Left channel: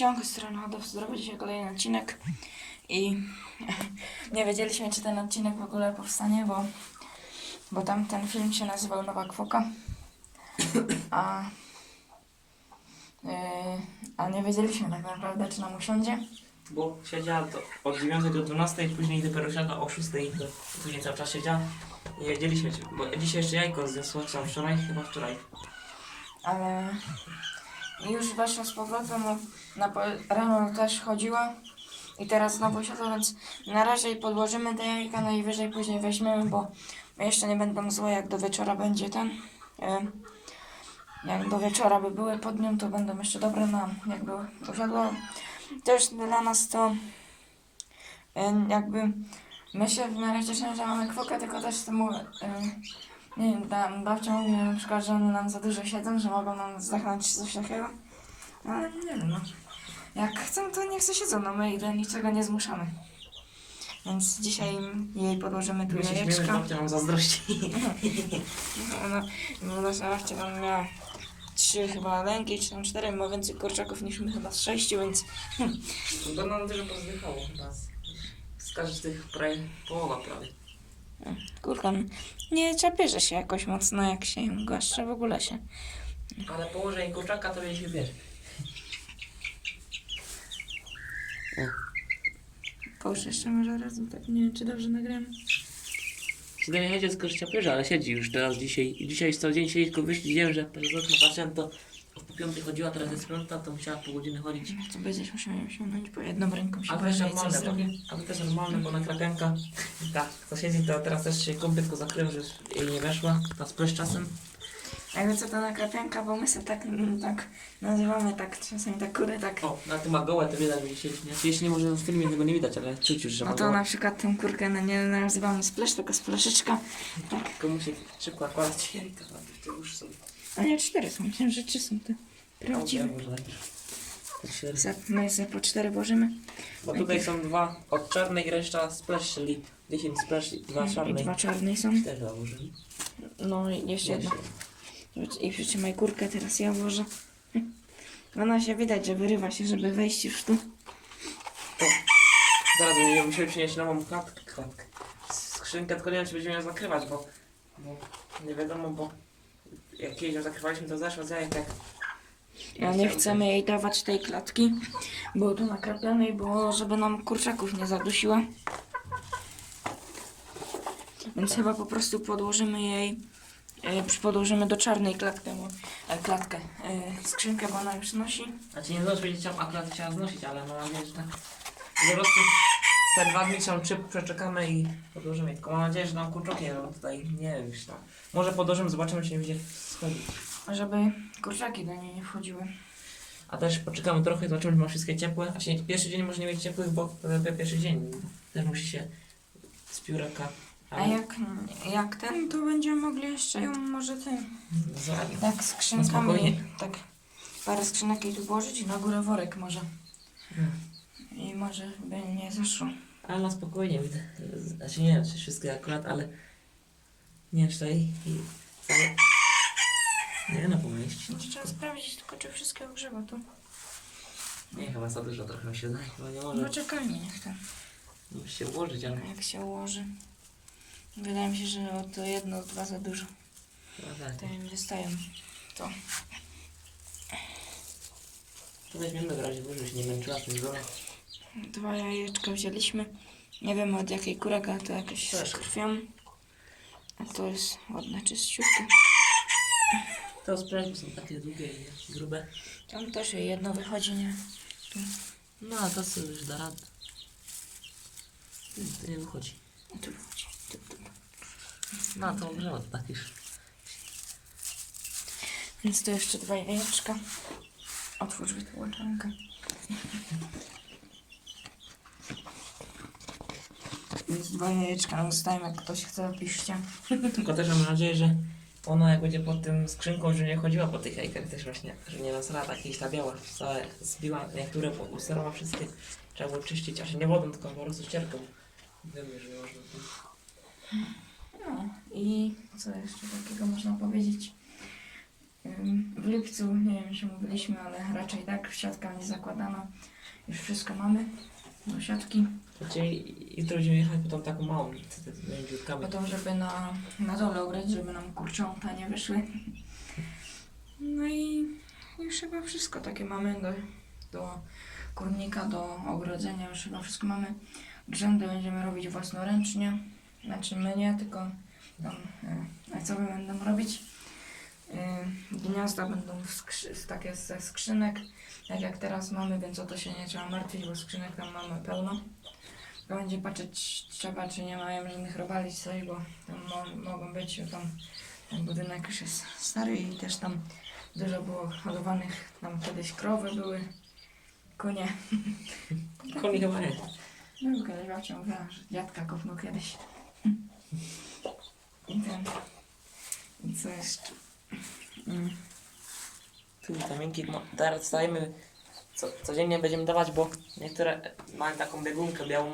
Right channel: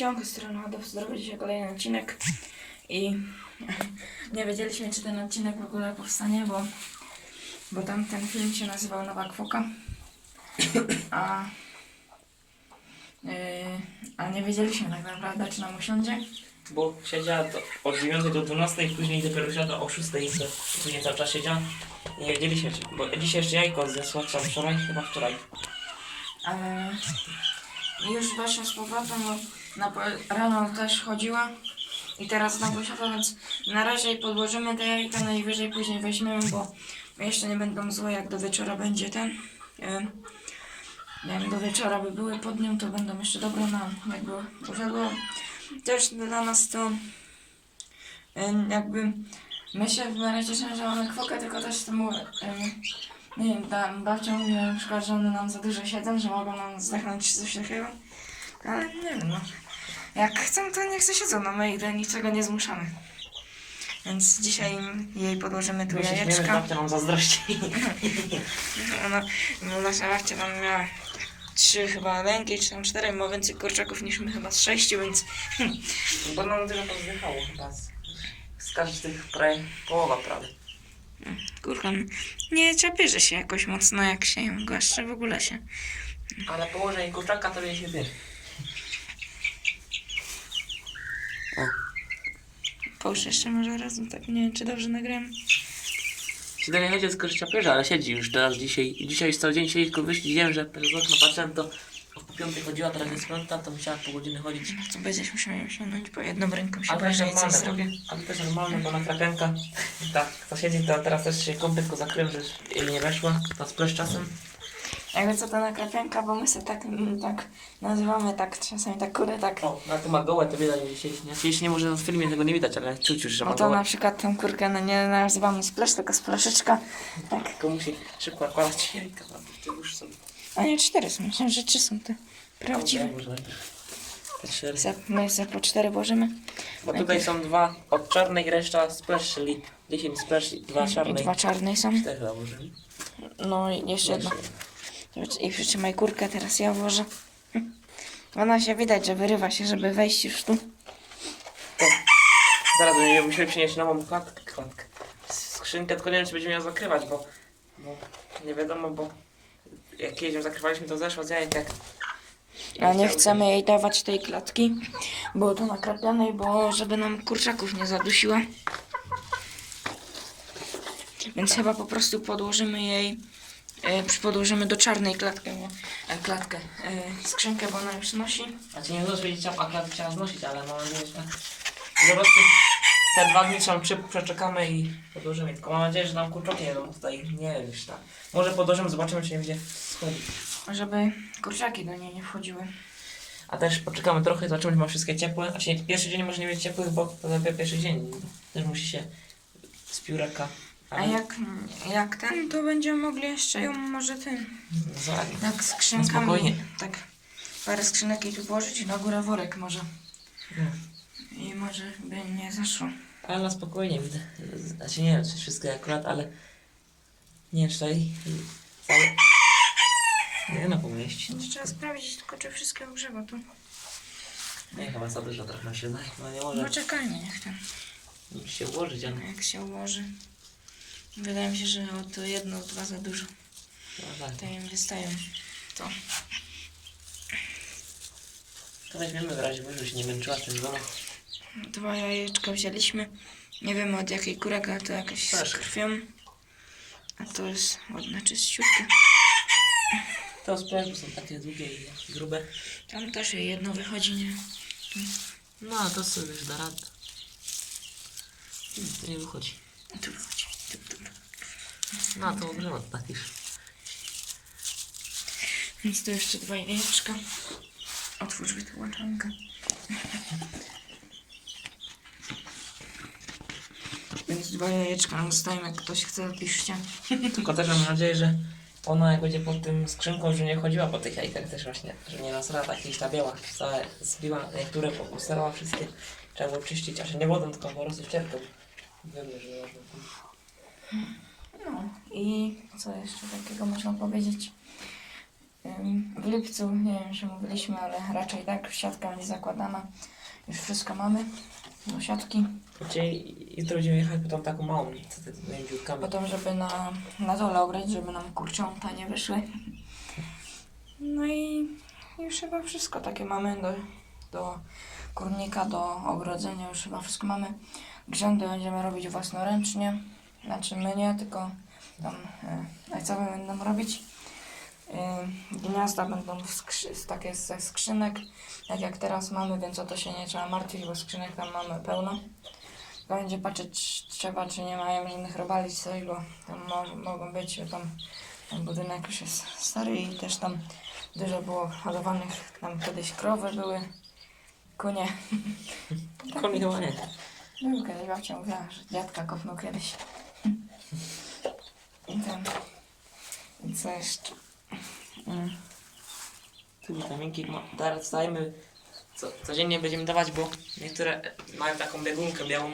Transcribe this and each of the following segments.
ciągu stronadów zrobił dzisiaj kolejny odcinek i nie wiedzieliśmy, czy ten odcinek w ogóle powstanie, bo, bo tamten film się nazywał Nowa Kwoka, a, yy, a nie wiedzieliśmy tak naprawdę, czy nam usiądzie. Bo siedziała do, od 9 do 12 i później dopiero siadła o 6 i co, później cały czas siedziała. I Nie wiedzieliśmy, czy, bo dzisiaj jeszcze jajko zjadła, co wczoraj, chyba wczoraj. Ale już weszła z powrotem, bo na po, rano też chodziła i teraz znowu siadła, więc na razie podłożymy te jajka, najwyżej później weźmiemy, bo jeszcze nie będą złe, jak do wieczora będzie ten. Jak do wieczora by były pod nią, to będą jeszcze dobre nam, jakby usiadło. Też dla nas to jakby my się na razie cieszymy, że mamy kwokę, tylko też temu e, nie wiem, tam babcia mówi na przykład, że one nam za dużo siedzą, że mogą nam zdechnąć coś takiego. Ale nie wiem, no. Jak chcą, to niech se siedzą, no my ich do niczego nie zmuszamy. Więc dzisiaj jej podłożymy tu My się śmiejemy, że jajeczka. babcia nam zazdrości. No, no nasza babcia tam miała trzy chyba lęki, czy tam cztery, ma więcej kurczaków niż my chyba z sześciu, więc Bo nam dużo pozdychało chyba z, z każdych prawie, połowa prawie. kurka nie czapierze się jakoś mocno, jak się ją głaszcze, w ogóle się. Ale położenie kurczaka to się wie. Połóż jeszcze może raz, tak nie wiem, czy dobrze nagram. Siedzenie chodzi z korzycia ale siedzi już teraz dzisiaj. Dzisiaj cały dzień siedzi, tylko wyszli, wiem, że przez okno patrzyłem, to od piątej chodziła, teraz jest piąta, to musiała po godziny chodzić. No to będziesz musiał ją sięgnąć, bo jedną ręką się boję, że jej coś zrobię. bo, ale to jest normalne, bo na krapianka, tak, to siedzi, to teraz też się kąpie, tylko zakryłem, że nie weszła, to splesz czasem. Jakby co to nakrapianka, bo my sobie tak, mm, tak nazywamy, tak czasami tak kurde, tak. O, na tym ma gołe, to widać, że siedzi, nie? Jeśli nie może w filmie tego nie widać, ale czuć już, że No ma to gołe. na przykład tą kurkę no nie nazywamy splash, tylko splaszyczka. Tak. Tylko musi szybko nakładać jajka, to już są. A nie, cztery są, myślę, że trzy są te prawdziwe. Za- My sobie po cztery włożymy. Bo tutaj są dwa od czarnej, reszta splash, czyli 10 splash i dwa I czarnej. dwa czarne są. Cztery założyli. No i jeszcze jedno. I przytrzymaj kurkę, teraz ja włożę. Ona się widać, że wyrywa się, żeby wejść już tu. Zaraz będziemy musieli przynieść nową klatkę. klatkę. Skrzynkę, tylko nie wiem, czy będziemy ją zakrywać, bo, bo nie wiadomo, bo jak kiedyś ją zakrywaliśmy, to zeszło z jajek jak... A nie chcemy jej dawać tej klatki, bo tu nakrapianej, bo żeby nam kurczaków nie zadusiła. Więc chyba po prostu podłożymy jej, e, przy- podłożymy do czarnej klatkę, bo, e, klatkę, e, skrzynkę, bo ona już nosi. Znaczy nie zdążyć powiedzieć, a klatkę trzeba znosić, ale mam nadzieję, że. Po prostu te dwa dni trzeba przy, przeczekamy i podłożymy. Tylko mam nadzieję, że nam kurczoki nie będą tutaj, nie wiem, już tak. Może podłożymy, zobaczymy, czy nie będzie schodzić. Żeby kurczaki do niej nie wchodziły. A też poczekamy trochę, zobaczymy, czy ma wszystkie ciepłe. A się, pierwszy dzień może nie mieć ciepłych, bo to dopiero pierwszy dzień. Też musi się z pióraka. A jak, jak ten, to będziemy mogli jeszcze ją może ten, Zładnie. tak skrzynkami, spokojnie. tak parę skrzynek jej tu włożyć i na górę worek może. I może by nie zaszło. Ale na spokojnie widzę. Znaczy nie wiem, czy wszystkie akurat, ale nie wiem, czy tutaj i cały... Nie no, pomieści. To trzeba sprawdzić tylko, czy wszystkie ogrzeba tu. Nie, chyba za dużo trochę się zdaje, chyba nie może Poczekajmy, niech tam, się ułożyć, ale... jak się ułoży. Wydaje mi się, że o to jedno, dwa za dużo. To im wystają. To. To weźmiemy w razie, żeby się nie męczyła tym domu. Dwa jajeczka wzięliśmy. Nie wiemy od jakiej kurek, ale to jakieś z Proszę. krwią. A to jest ładne, czyściutkie. To sprężne są takie długie i grube. Tam też jej jedno wychodzi, nie? No, a to sobie już da radę. Hmm, To nie wychodzi. Tu wychodzi. No, to ogrzewa to tak. Więc tu jeszcze dwa jajeczka. Otwórz wytłoczenkę. Więc dwa jajeczka nam zostają, jak ktoś chce, piszcie. Tylko też mam nadzieję, że ona jak będzie pod tym skrzynką, że nie chodziła po tych jajkach też właśnie, że nie nasrała takieś ta biała, całe zbiła, niektóre usrała wszystkie. Trzeba było czyścić, a się nie wodą, tylko po prostu ścierką. Wiemy, że można. I co jeszcze takiego można powiedzieć? w lipcu, nie wiem czy mówiliśmy, ale raczej tak, siatka będzie zakładana. Już wszystko mamy do siatki. Czyli jutro będziemy jechać po tą taką małą, co ty tymi dziurkami. Potem, żeby na, na dole ograć, żeby nam kurcząta nie wyszły. No i już chyba wszystko takie mamy do, do kurnika, do ogrodzenia, już chyba wszystko mamy. Grzędy będziemy robić własnoręcznie, znaczy my nie, tylko tam y, ojcowie będą robić. Y, gniazda będą w skrzy, takie ze skrzynek, tak jak teraz mamy, więc o to się nie trzeba martwić, bo skrzynek tam mamy pełno. Tylko będzie patrzeć trzeba, czy nie mają żadnych robali coś, bo tam mo- mogą być, tam ten budynek już jest stary i też tam dużo było hodowanych, tam kiedyś krowy były, kunie. Koni chyba nie. Był kiedyś babcia mówiła, że dziadka kopnął kiedyś. I co jeszcze? Mm. Tu witaminki, ma- teraz dajemy, co, codziennie będziemy dawać, bo niektóre mają taką biegunkę białą,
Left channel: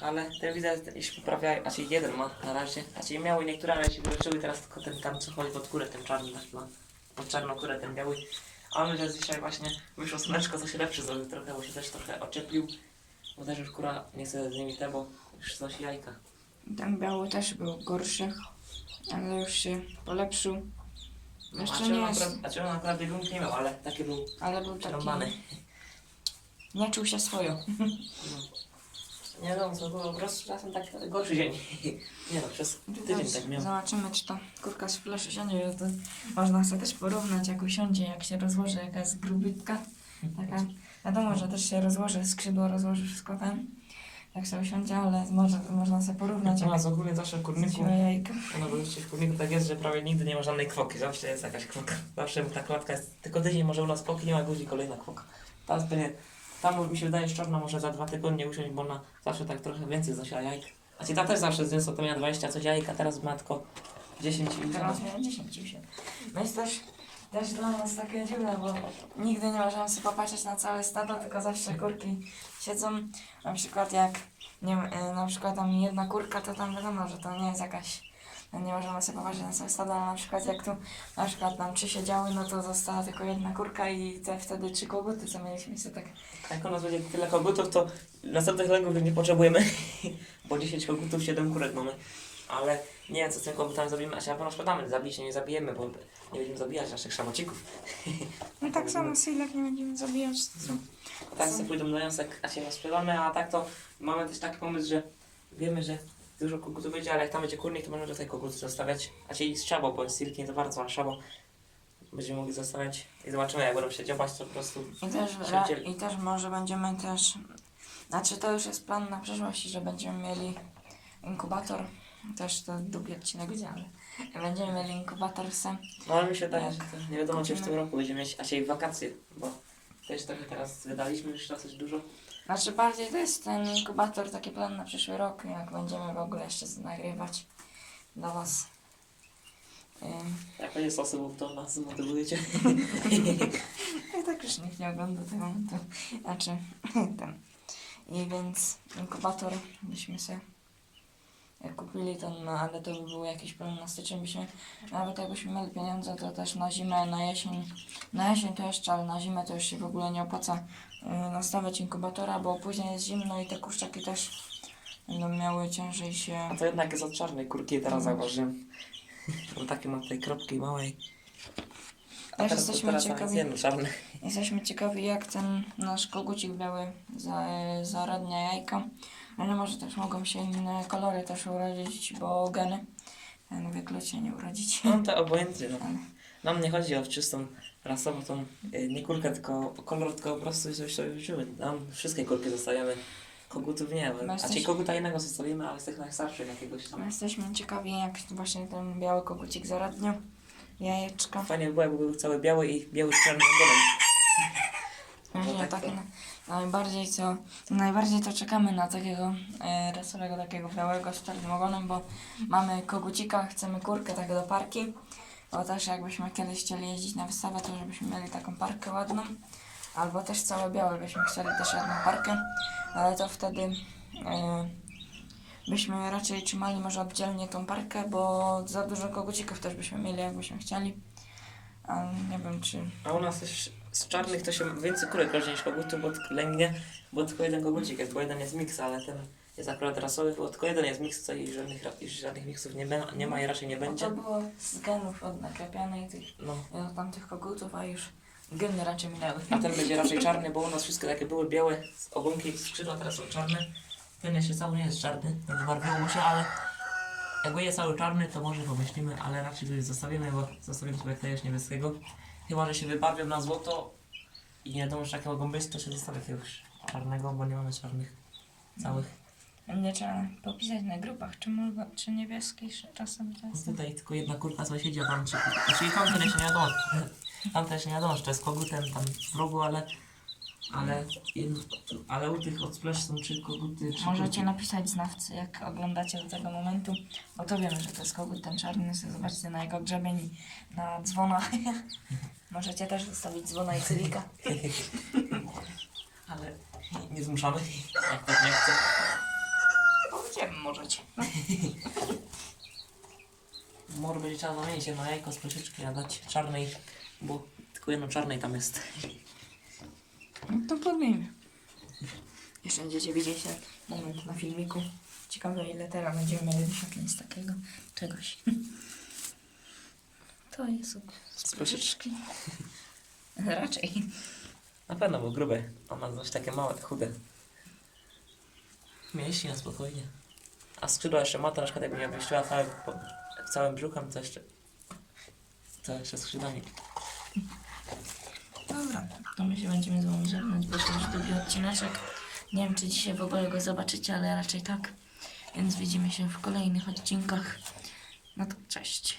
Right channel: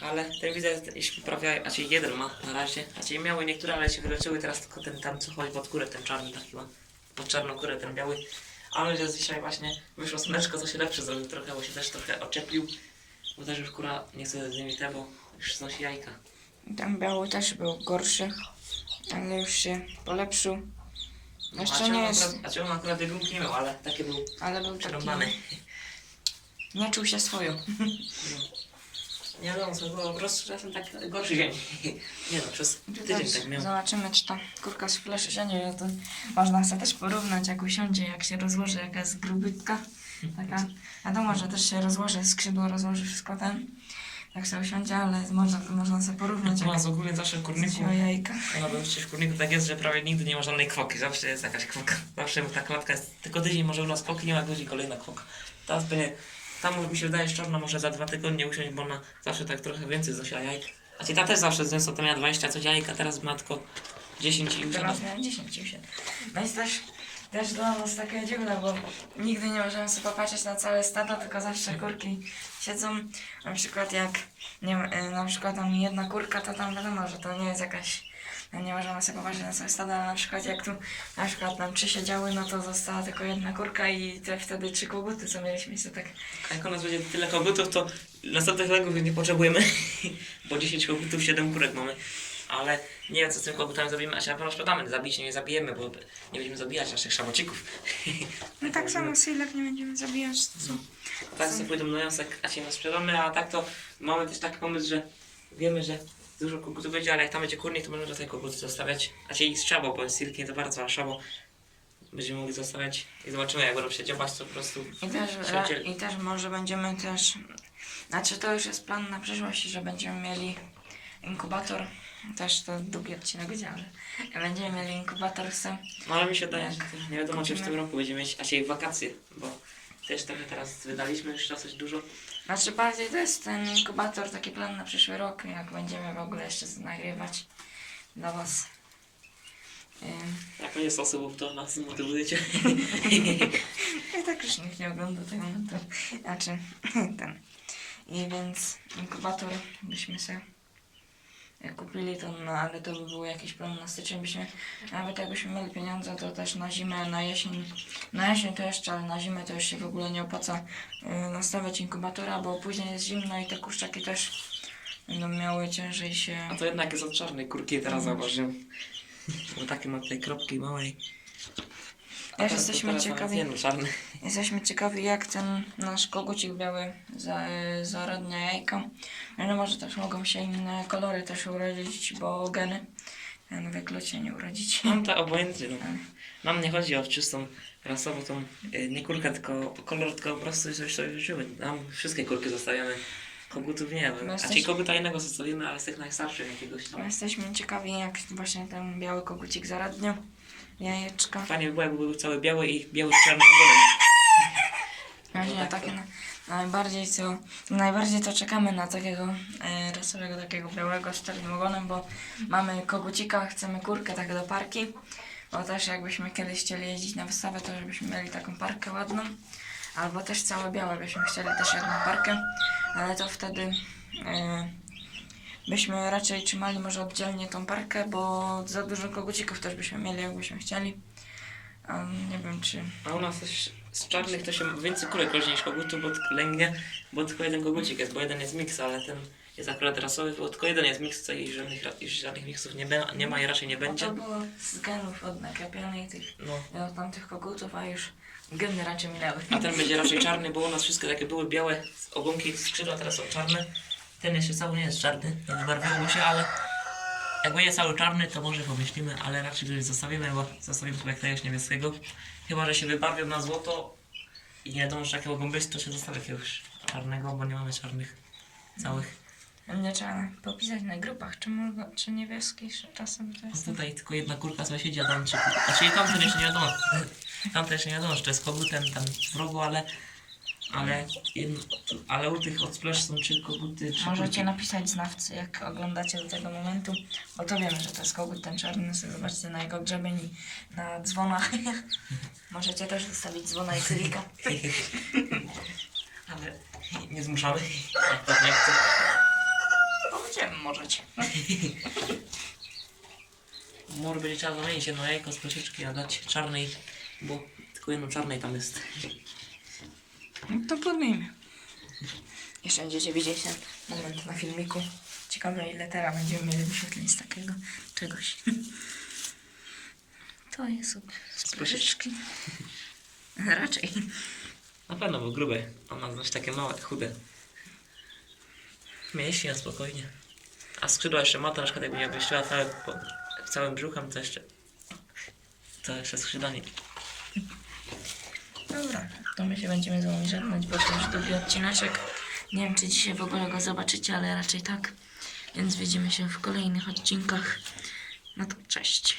ale ten widzę, się poprawiają, znaczy jeden ma na razie, znaczy miały niektóre, ale się wyleczyły, teraz tylko ten tam, co chodzi pod kurę, ten czarny taki ma, pod czarną kurę ten biały, ale że dzisiaj właśnie wyszło słoneczko, co się lepszy zrobił trochę, bo się też trochę oczeplił, bo też już kura nie chce z nimi te, bo już znosi jajka. Ten biały też był gorszy, ale już się polepszył. Jeszcze nie jest, znaczy on akurat biegunki nie miał, ale taki był ale był taki... przerąbany. Czuł się swoją. Nie wiadomo co było, po prostu czasem tak gorszy dzień. Nie no, przez tydzień tak miał. zobaczymy, czy ta kurka z fleszy siądzie, to można sobie też porównać, jak usiądzie, jak się rozłoży, jaka jest grubytka. Taka, wiadomo, że też się rozłoży, skrzydło rozłoży wszystko ten, jak sobie usiądzie, ale można, można sobie porównać, U jak nas ogólnie zawsze w kurniku, jajka. no bo w kurniku tak jest, że prawie nigdy nie ma żadnej kwoki, zawsze jest jakaś kwoka. Zawsze ta klatka jest, tylko tydzień może u nas kwoki, nie ma godzin kolejna kwoka. Teraz będzie, tam mi się wydaje szczorna może za dwa tygodnie usiąść, bo ona zawsze tak trochę więcej znosiła jajek. A ci ta też zawsze zniosła, to miała 20 coś jajek, a teraz ma tylko 10 i Teraz miała 10 już. No jest też, też dla nas takie dziwne, bo nigdy nie możemy sobie popatrzeć na całe stado, tylko zawsze kurki siedzą. Na przykład jak nie, y, na przykład tam jedna kurka, to tam wiadomo, że to nie jest jakaś nie możemy sobie popatrzeć na całe stado, ale na przykład jak tu na przykład nam trzy siedziały, no to została tylko jedna kurka i te wtedy trzy koguty, co mieliśmy tak A jak u nas będzie tyle kogutów, to następnych legów nie potrzebujemy, bo 10 kogutów, 7 kurek mamy. Ale nie wiem, co z tym kogutami zrobimy, a się na pewno sprzedamy. Zabić nie zabijemy, bo nie będziemy zabijać naszych szabocików. No tak samo Silek nie będziemy zabijać, co? Tak sobie pójdą na jąsek, a się nie sprzedamy, a tak to mamy też taki pomysł, że wiemy, że dużo kogutów będzie, ale jak tam będzie kurnik, to możemy tutaj koguty zostawiać. A się ich szabo, bo silk nie to bardzo, a szabo będziemy mogli zostawiać i zobaczymy, jak będą się dziobać, to po prostu I też, ra. I też może będziemy też, znaczy to już jest plan na przyszłość, że będziemy mieli inkubator, też to długi odcinek ale będziemy mieli inkubator sam. No ale mi się wydaje, że nie wiadomo, czy w tym roku będziemy mieć, a się wakacje, bo też trochę teraz wydaliśmy już dosyć dużo. Znaczy bardziej to jest ten inkubator, taki plan na przyszły rok, jak będziemy w ogóle jeszcze nagrywać dla Was. Ym, Jak będzie sposobów, to nas zmotywujecie. I tak już nikt nie ogląda tego, to znaczy ten. I więc inkubator byśmy sobie jak kupili to, no ale to by był jakiś plan na styczeń, byśmy, nawet jakbyśmy mieli pieniądze, to też na zimę, na jesień, na jesień to jeszcze, ale na zimę to już się w ogóle nie opłaca y, nastawiać inkubatora, bo później jest zimno i te kurczaki też będą miały ciężej się... A to jednak jest od czarnej kurki, teraz zauważyłem. Bo takie ma tutaj kropki małej. A teraz- jesteśmy teraz nawet ciekawi, czarne. Jesteśmy ciekawi, jak ten nasz kogucik biały za, zaradnia jajka. Wiadomo, że też mogą się inne kolory też urodzić, bo geny. Ten wyklucie nie urodzić. Mam to obojętnie. No. Ale- Nam nie chodzi o czystą rasową tą, y, nie kurkę, tylko kolor, tylko po prostu coś sobie żyły. Nam wszystkie kurki zostawiamy. Kogutów nie wiem. A ci koguta innego zostawimy, ale z tych najstarszych jakiegoś tam. My jesteśmy ciekawi, jak właśnie ten biały kogucik zaradniał jajeczka. Fajnie by było, jakby był cały biały i biały z czarnym ogonem. Właśnie tak takie to- na, najbardziej to, najbardziej to czekamy na takiego e, rasowego, takiego białego z czarnym ogonem, bo mamy kogucika, chcemy kurkę tak do parki, bo też jakbyśmy kiedyś chcieli jeździć na wystawę, to żebyśmy mieli taką parkę ładną, albo też całe białe byśmy chcieli też jedną parkę, ale to wtedy e, byśmy raczej trzymali może oddzielnie tą parkę, bo za dużo kogucików też byśmy mieli, jakbyśmy chcieli. A nie wiem czy... A u nas też z czarnych to się więcej kurek rośnie niż kogutów, bo tylko lęgnie, bo tylko jeden kogucik jest, bo jeden jest miks, ale ten jest akurat rasowy, bo tylko jeden jest miks, to i żadnych, żadnych miksów nie, be, nie ma i raczej nie będzie. to było z genów od nakrapianej tych No. od tamtych kogutów, a już geny raczej minęły. A ten będzie raczej czarny, bo u nas wszystkie takie były białe ogonki, skrzydła teraz są czarne. Ten jeszcze cały nie jest czarny, nie wybarwiło mu się, ale jak będzie cały czarny, to może pomyślimy, ale raczej go już zostawimy, bo zostawimy sobie jakiegoś niebieskiego. Chyba, że się wybarwią na złoto i nie wiadomo, czy takiego gąbysy, to się zostawi jakiegoś czarnego, bo nie mamy czarnych całych. Będzie trzeba popisać na grupach, czy, mogło, czy niebieski czasem to jest. tutaj tylko jedna kurka sąsiedzi, a tam czy... Znaczy jeszcze nie wiadomo. Tamten jeszcze nie wiadomo, czy to jest kogutem tam w rogu, ale... Ale, jedno, ale u tych od splash są trzy koguty, trzy Możecie napisać znawcy, jak oglądacie do tego momentu, bo to wiemy, że to jest kogut ten czarny, sobie zobaczcie na jego grzebeń i na dzwonach. Możecie też zostawić dzwona i cylika. Ale nie, zmuszamy, jak ktoś nie chce. Powiedziemy możecie. Może będzie trzeba zamienić jedno jajko z prosieczki, a dać czarnej, bo tylko jedno czarnej tam jest. No to podmijmy. Jeszcze będziecie widzieć ten moment na filmiku. Ciekawe ile teraz będziemy mieli wyświetleń z takiego czegoś. To jest z proszeczki. Raczej. Na pewno, bo grube. A ma znaczy takie małe, chude. Mięśnie na spokojnie. A skrzydła jeszcze ma, to na przykład jakby nie wyściła całe, po, całym brzuchem, to jeszcze... To jeszcze skrzydła nie... Dobra, to my się będziemy z wami żegnać, bo to już długi odcineczek. Nie wiem, czy dzisiaj w ogóle go zobaczycie, ale raczej tak. Więc widzimy się w kolejnych odcinkach. No to cześć.